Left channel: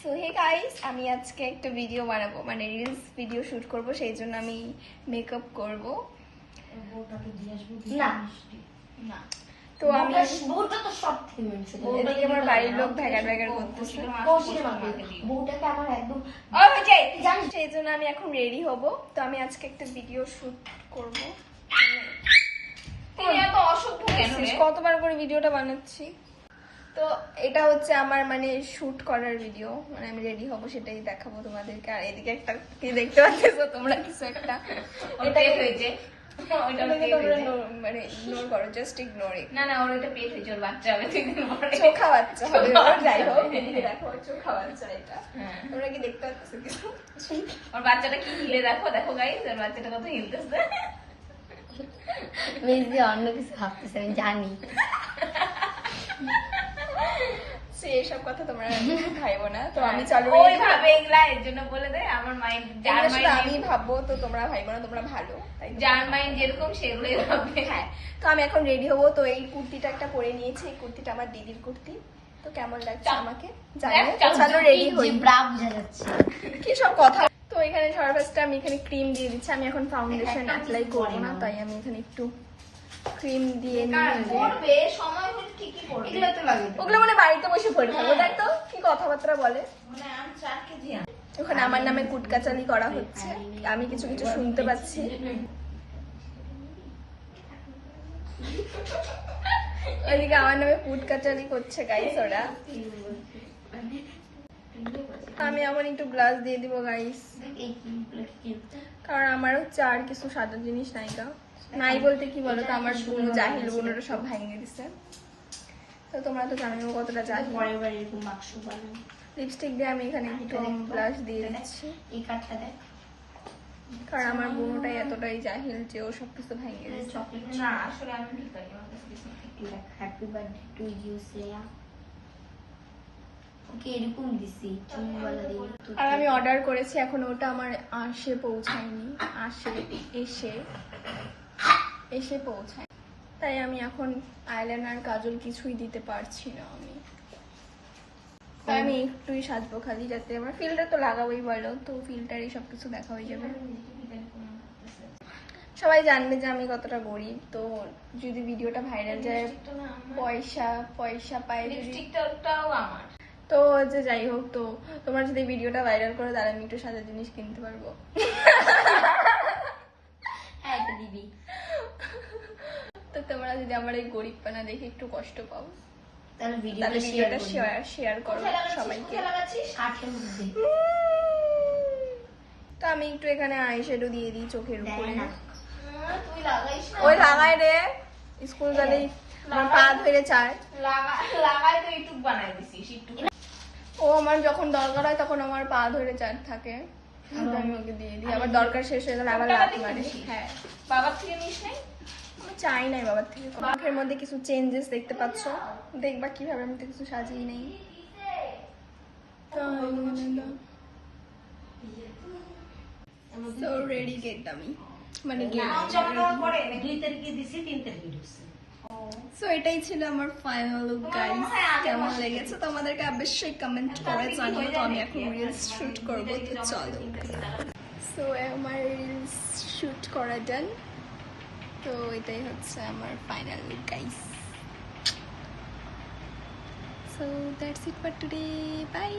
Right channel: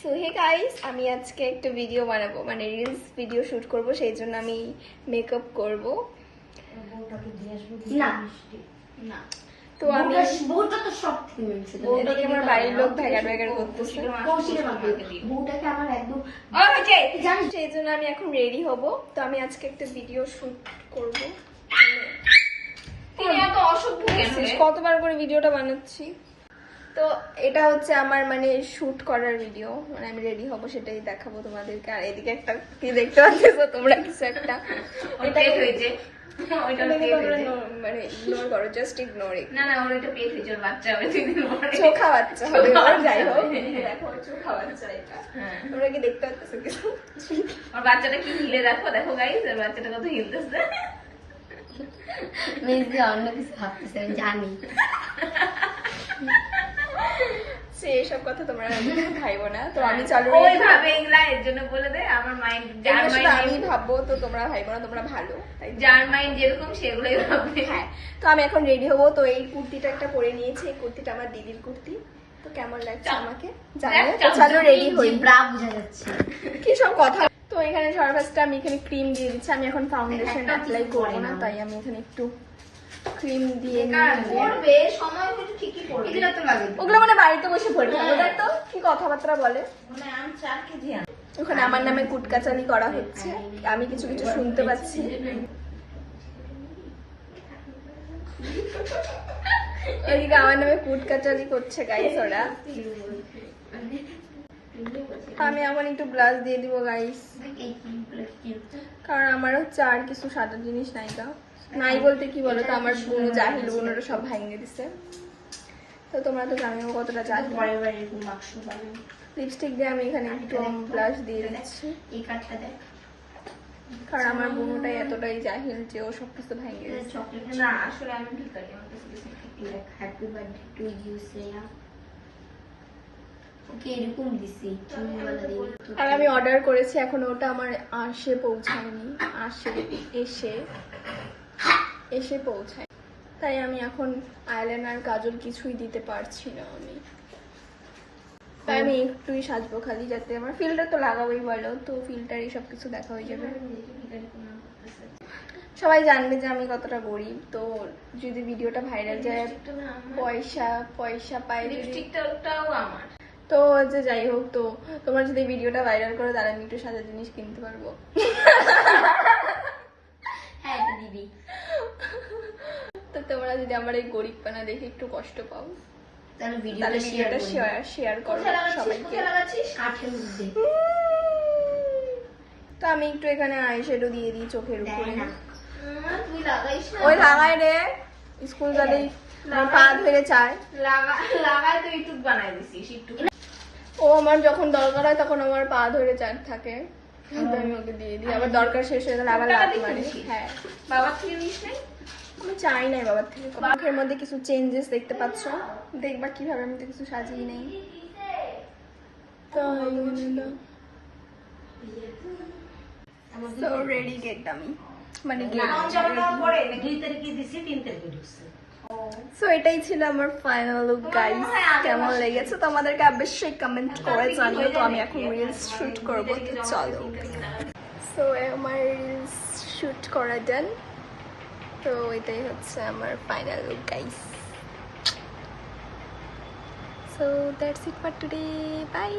So hey guys, আমি আজকে একটা ভিডিও বানাবো, মানে রিলস ভিডিও শুট করব, সেই জন্য আমি মেকআপ করব। না তো আমি এদিকে আমার বাড়ির লোক ভ্যাগার ভ্যাগার করতেছে, সেই জন্য আমি এখন রেডি হব। তো আমি আজকে একটা ভিডিও শুট করব। কতবার করে ভিডিওটা বানাচ্ছি। তো এটা হচ্ছে আমার মানে শুট করার ভিডিও, মানে আমি রেডি হব সেটাই দেখাবো তোমাদেরকে। আর এদিকে একটা কি দেখতে পাচ্ছো তোমরা, কিছু একটা হয়েছে, মানে ইগনোর করো, জাস্ট ইগনোর ইট। না না, ওর একটা প্লেট হয়েছে, ওর বাচ্চা হবে, চোখা বাচ্চা হবে, ওর যাই হোক। দেখো ওর চোখা বাচ্চা, এটা তোমরা কি দেখতে পাচ্ছো কিছু? ওর বাচ্চাটা কি হিলে, দেখো দেখো গাইস, ওর বাচ্চাটা কত হিলতেছে। মেজি অন্য কিছু ভাবতেছে, আমি জানি। এইসব কথা তোমরা খাইবো না। তো আমি চলো, এর জন্য বলে দেয় আমার মাইন্ড, আমি ভাববো, তো তোমরা ভাইবো না, তোমরা ভালো, যার মাইন্ড যেরকম সেগুলোই ভাববে। হ্যাঁ, তো আমি এখন রেডি হবো। তো এই কুর্তিটা একটা পরে নিয়েছি, এই কুর্তিটা আমার দিদির কুর্তি। তো কেমন লাগছে আমাকে জানিয়ে, চলো রেডি হই। বোঝা যাচ্ছে কি সব কথা। তো এখানে সর্বফার্স্টে আমি এখানে ক্রিম দিয়ে দিচ্ছি। আমি এখন ফাউন্ডেশন অ্যাপ্লাই করবো না, তাই আমি এখানে একটু ক্রিম দিয়ে ওগুলো মানে বাড়িতে বসে পড়বে। ওদের তো কি কথাবার্তা বলে, ওখানে আমার নামে কুটকাচালি করা হচ্ছে, আমি কিছু কিছু শুনতে পাচ্ছি। এদিকে আমার নামে কুটকাচালি করছে গাইস ওরা। আমি এখন একটু ব্লাশ দিয়ে দিব গাইস, কারণ আমার হচ্ছে আর কিছু সাদা জিনিস নাই বলতে কি বলো তো, আমার বোনো জাহিল, বোনরা সব ভেঙে দিছে। তো তোমরা তো জানো কতটা জাহিল। লিপস্টিক দিয়ে আমি এখানে একটু ব্লাশ দিয়ে দিচ্ছি, কারণ আমার বোনটাই এতটাই জাহিল যে ও সবকিছু ভেঙে দিচ্ছে। না আসলে আমি ঠিক আছে, happy birthday to you Shreya. Okay এরকম দিছি আর আমি অর্ডার করেছি, এখন ওটা আমার আসে পৌঁছায়নি, এসে পৌঁছায়। তাই আমি এখন আইলাইনার কাজল কিছুই দিতে পারছি না। তাই আমি একটুই সাজবো খালি, যাতে আমার ফিল্টার তো লাগাবোই বলো, তো ফিল্টার এই সবকিছু দেখা হয়ে যাবে। সবাই জানবে যে আমি কতটা গরিব। তো যদি ভিডিওটা ভাইরাল যায়, পয়সা পাই যদি, তো যে যাই হোক, তো তোমরা যদি ভিডিওটা ভাইরাল করো, তাহলে আমি একটু সাদা জিনিস কিনতে পারবো। হ্যাঁ দিদি, তো তোমরা যদি আমার এই গরিবপানা দেখে একটু কষ্ট পাও, তাহলে ভিডিওটা শেয়ার করো সবাইকে। তো আমি একটু এখানে আইশ্যাডো দিয়ে দিই চোখের উপরে। ওই লাগাই রে, স্কুল গেলেই আমার পা ধরে চায়। ও আমার যখন দরকার হয় তখন আমার পা ধরে চার থাকে, আমি ওকে দিয়ে দিই। আবার দরকার শেষ হয়ে গেলে আবার লাত মারে। হ্যাঁ, বাবার থেকে নিস নাই? আমি চাই নাই বাবার থেকে। মুখের মধ্যে কিছু চেঞ্জেস দেখতে পাচ্ছ, দেখবা কিভাবে আমি তো কিছু সাজিয়ে নেই। তো রেডি গেট, আমি মানে সো এটাই ছিল আমার ফাইনাল লুক গাইস। কেমন লেগেছে তোমাদেরকে অবশ্যই কমেন্ট করে জানিও। তো আমি এখন রিলস শুট করবো, তো চলো। সো আমার রিলস শুট করা ডান। তো এটাই হচ্ছে আমার final look guys. So that's it for today, by.